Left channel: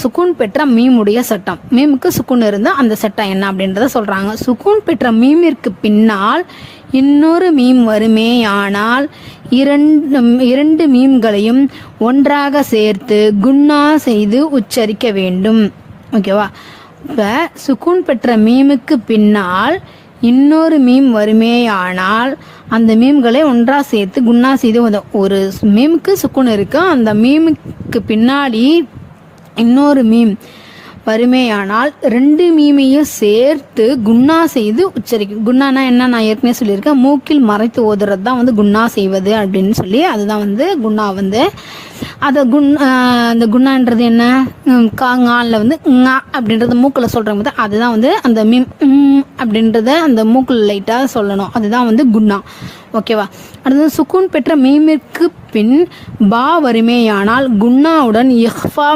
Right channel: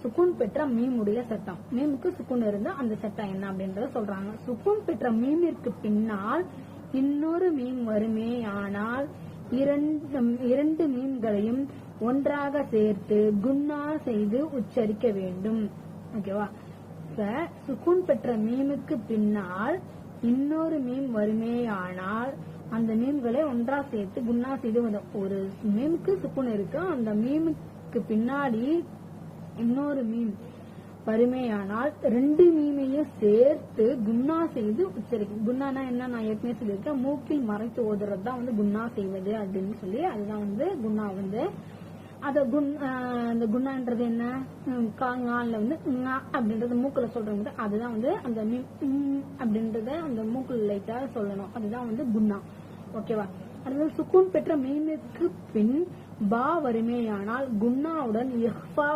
சுக்கூன் பெற்ற மீமுடைய சட்டம். மீமுக்கு சுக்கூன் இருந்தால் அந்த சட்டம் என்ன அப்படின்றத சொல்கிறாங்க. சுக்கூன் பெற்ற மீமிற்கு பின்னால் இன்னொரு மீம் வருமேயானால் இரண்டு மீம்களையும் ஒன்றாக சேர்த்து குன்னா செய்து உச்சரிக்க வேண்டும். ஓகேவா? இப்போ சுக்கூன் பெற்ற மீமுக்கு பின்னால் இன்னொரு மீம் வருமேயானால் அந்த மீம்களை ஒன்றா சேர்த்து குன்னா செய்து ஒரு மீமுக்கு சுக்கூன் இருக்கு, அந்த மீமுக்கு பின்னாடி இன்னொரு மீம் வருமேயானால் ரெண்டு மீமையும் சேர்த்து குன்னா செய்து உச்சரிக்கும். குன்னானா என்ன, நான் ஏற்கனவே சொல்லியிருக்கேன், மூக்கில் மறைத்து ஓதுறது தான் குன்னா செய்வது அப்படின்னு சொல்லி, அதுதான் குன்னா. அதை அந்த குன்னான்றது என்ன, காங்காலில் ஙா அப்படின்றத மூக்கில் சொல்கிறாங்க போது அதுதான் அந்த மீம் அப்படின்றத அந்த மூக்கில் லைட்டாக சொல்லணும், அதுதான் குன்னா. ஓகேவா? அடுத்தது சுக்கூன் பெற்ற மீமிற்கு பின் பா வருமேயானால் குன்னாவுடன் இஹ்ஃபா